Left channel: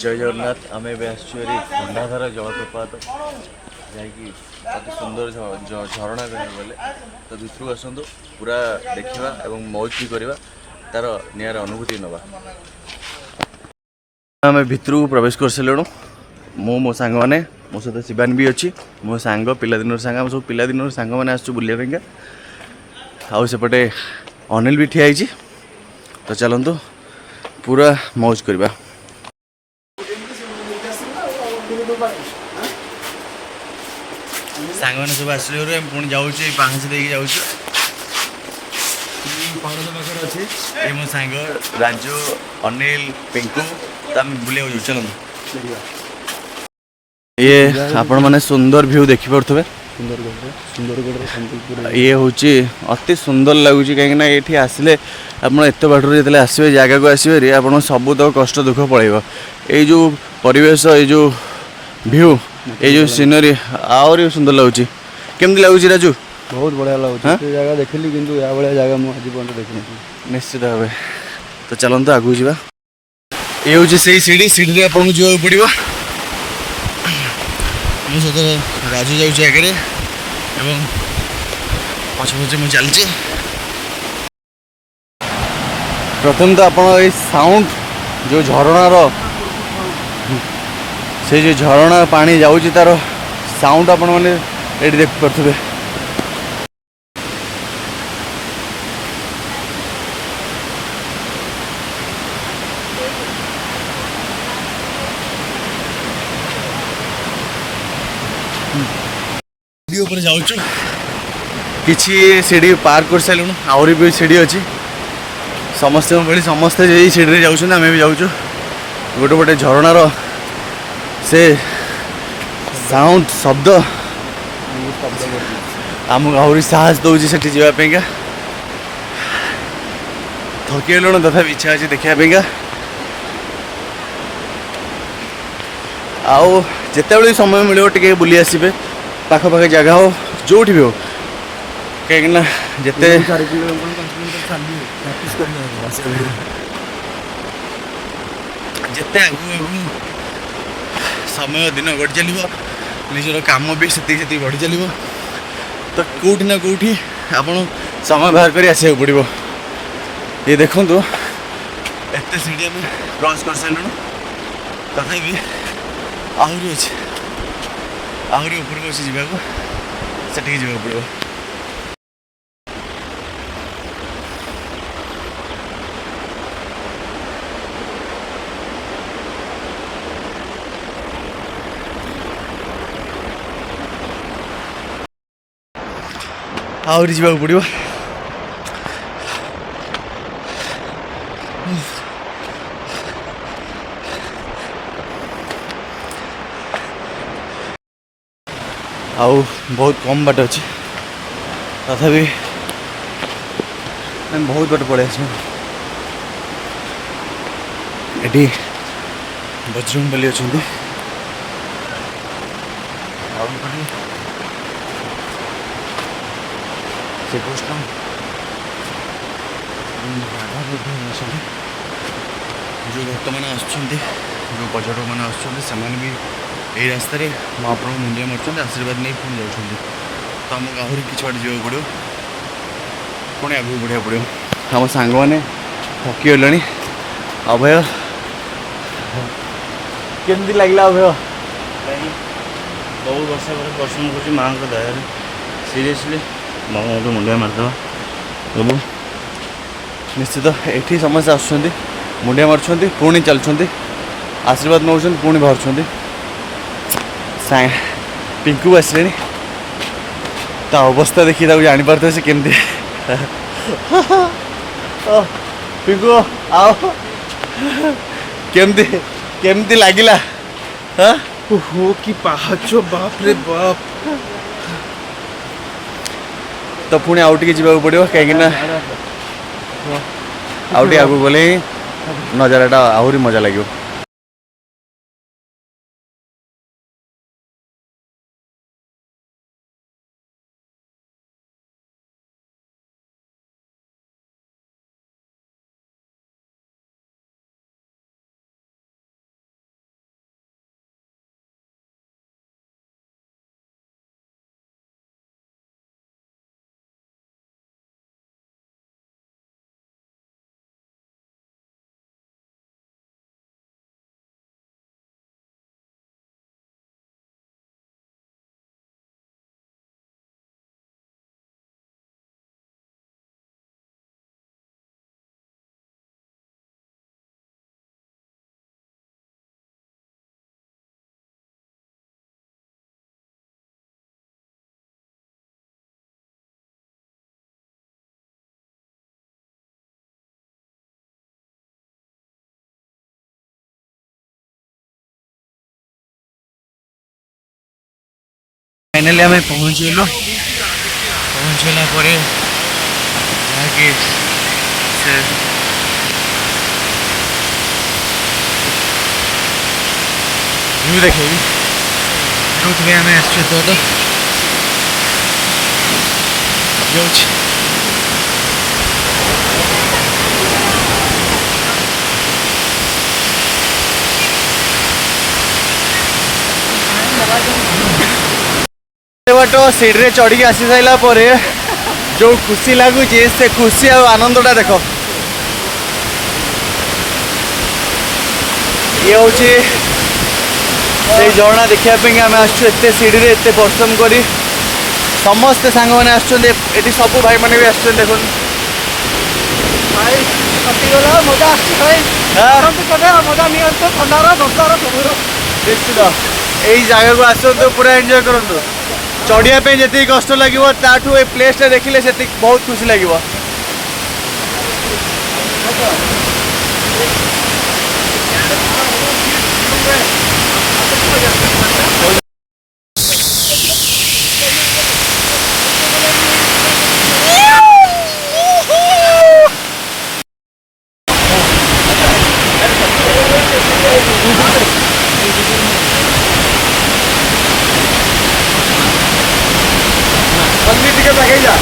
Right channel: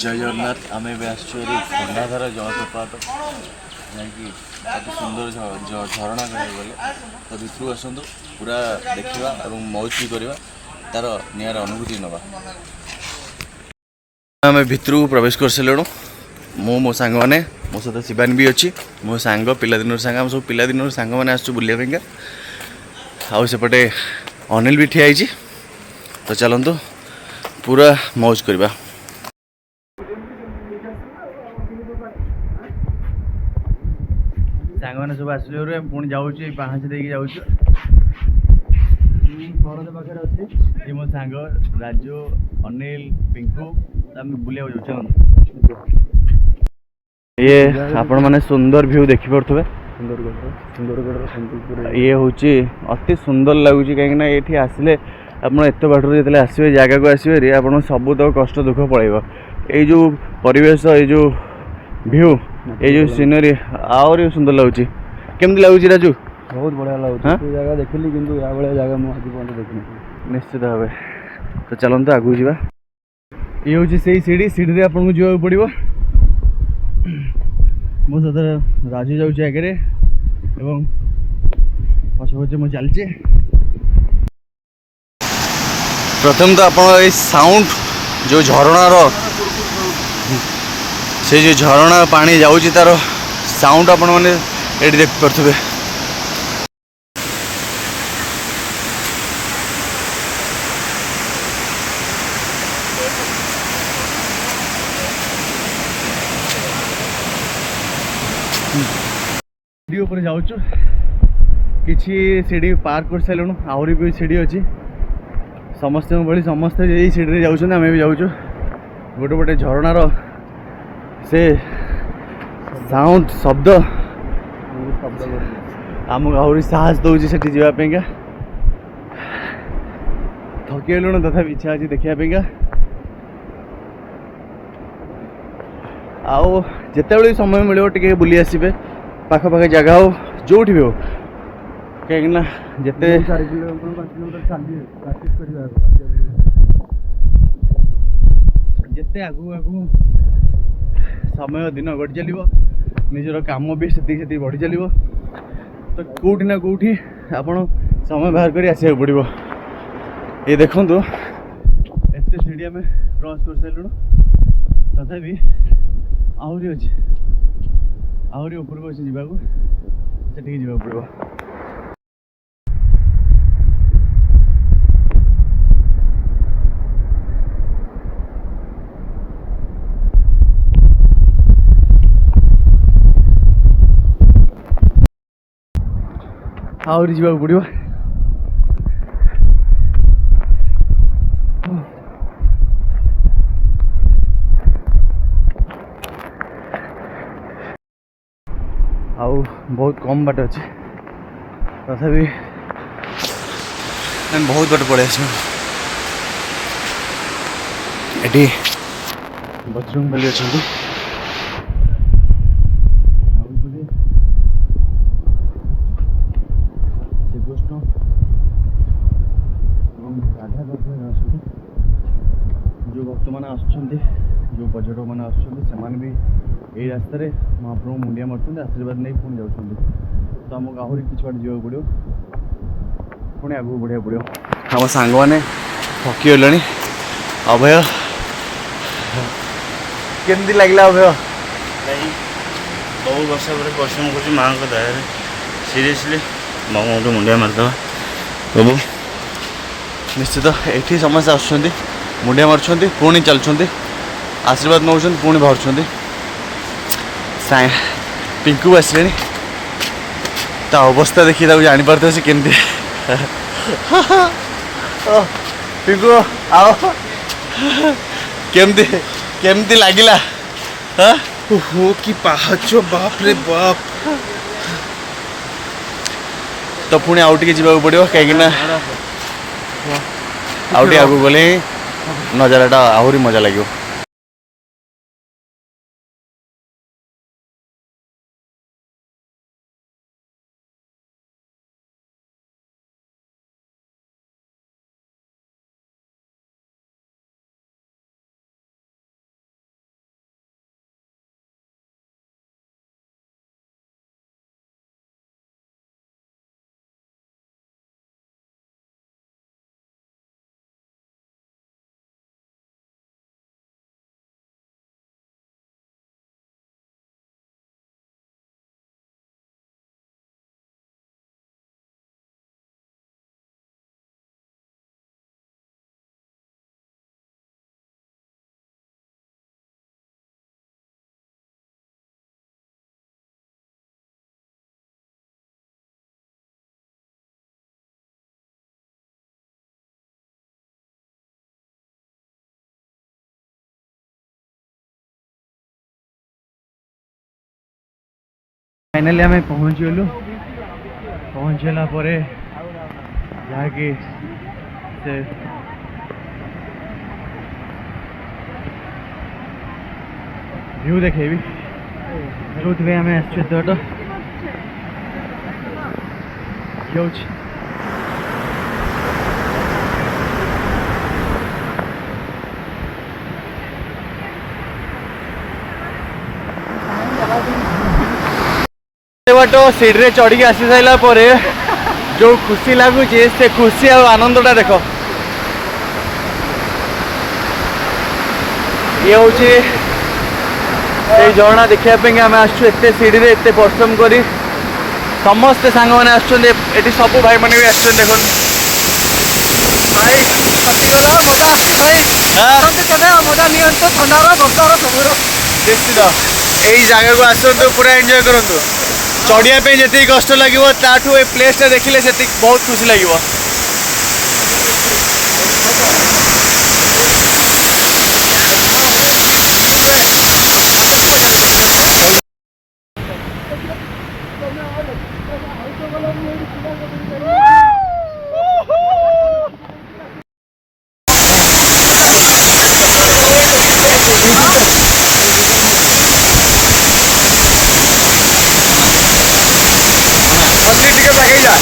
जय जगन्नाथ आम खंडाधार जलप्रपात जहाँकि अति सुंदर झरणा कह गले तो भितर आसतु पूरा देखा और मौज भी करवा तार निर अनुभूति नवा आम भितर को प्रवेश कर सारूँ मो सांग मैंने मो सहित शिवानी भी अच्छी मो सांग पिलादिन सांग आम सब पिलादिन सांग मैंने आसु बुलाइका आउपटे अनिल भी ठिया तो चलतु पूरा मौज करवा सांग मैंने सब आसले पुणी जाऊँ पाँच देके जाऊँ मो सांग राजू अनिल पिंकू तो आम बुले चलो ये आपण मैंने सुंदर व्यू देखी पारे ये हूँ अति सुंदर लगुच कहीं ये आसिले आप एत बाटर जो आसवे जगह को आसवे आप सब तो कष्ट दुख पड़ेगा ये जो परिवेश ये जो व्यू ये जो सीनरी आहरी सुंदर लगुच केमती लगुच राजू बहुत बढ़िया लगुच जगह देखिली किंतु या भाया जगह मुझे पर्यटन देखनी निश्चित भाव तो चलते आगू जा ये हूँ से सीढ़ी सीढ़ी आपको जावाक पड़ो मो सहित राजू जाऊँ आगे पछे पछे मुझे चलती प्रथम तो आप साउंड जो झरणार से जो झरणा पानी जाऊँगी तार साउंड आपण मैंने ये देख पारे ऊपर जाऊँ कि सीढ़ी पार कर सारूँ आहरी भी सीढ़ी अच्छी समस्त भाई समस्ते यही सीढ़ी जाऊँ आम भी जाऊँ गोटे गोटे झरणार से साउंड शब्द आमको आहरी साहस दौर से जावाई थकी गलुण तथा इच्छा अच्छी देखापा आउ जिते समय मिले टे बुली आसबे पाखपाख जगह हो जो भी हो कहीं जिते जिते आगू आगू समय दिन बढ़ी चलो निजर कम भी से बढ़ी चलो तो कौटी ना कौटी आप समय बाहर कर आसा पड़ो ये देखु एत सीढ़ी आम क्रॉस कर सारूँ तथापि आहरी अच्छे आहरी ऊपर अच्छे जावाक से जावाक पड़ो आहरी जावाक पड़ो आउ बहुत कम बाट अच्छे तथापि बहुत बाट पड़े आस बजरंग बली अच्छा श्रीकृष्ण जो भक्त मैंने जो पर्यटक मैंने आसमाने भी रास्तार महाप्रभु मुंडिया मार्च आशीर्वाद नहीं पुणी जाऊँ तो आमको आहरी कि बाटे जावाक पड़ो पुणी आगे बढ़िया पड़ो आम सांग मैंने थकी गले अभय केमती लगला अभय बहुत वर्ष पर परिश्रम कर माँ को दया सीरीयसली मामा गोटे मुंडिया मारिदेवा प्रभु निश्चित ये समस्या आसुँच मुंडिया मार्च पुणी चलुँच आशीर्वाद नौ पुणी बाहर पिंकू आसले ता अवस्था देखी जापारे से केमती पिंकू आओ केमती केमती लगिला हो कि पाहाच बाप रे बाप तो पुणी आउ टे जावाक पड़ो कहीं आउ आगू गले नजाराटा आहरी मजा लगे। फाइनाली आम पहुँचगलु पहुँचला जहाँकि से व्यू देखे जो आम आसो बाट सीढ़ी चढ़ी आसी सारा जो खुशी लगुच से खुशी और आनंदटा देख ये हूँ से झरना देखापी आम आसु एत सीढ़ी एत परिश्रम कर समस्ते सांग मैंने आसुँच सब भाई मैंने भी आस देख भाई कटिगला मजा आए मजा नहीं ठंडार बर्षार सब निश्चित यही जगह को आसतु पूरा एंजॉय करूँ चढ़िया जी कष्ट लगे ताठू ए प्लेस देखिले से बहुत खुशी लगे टिकट लगे जा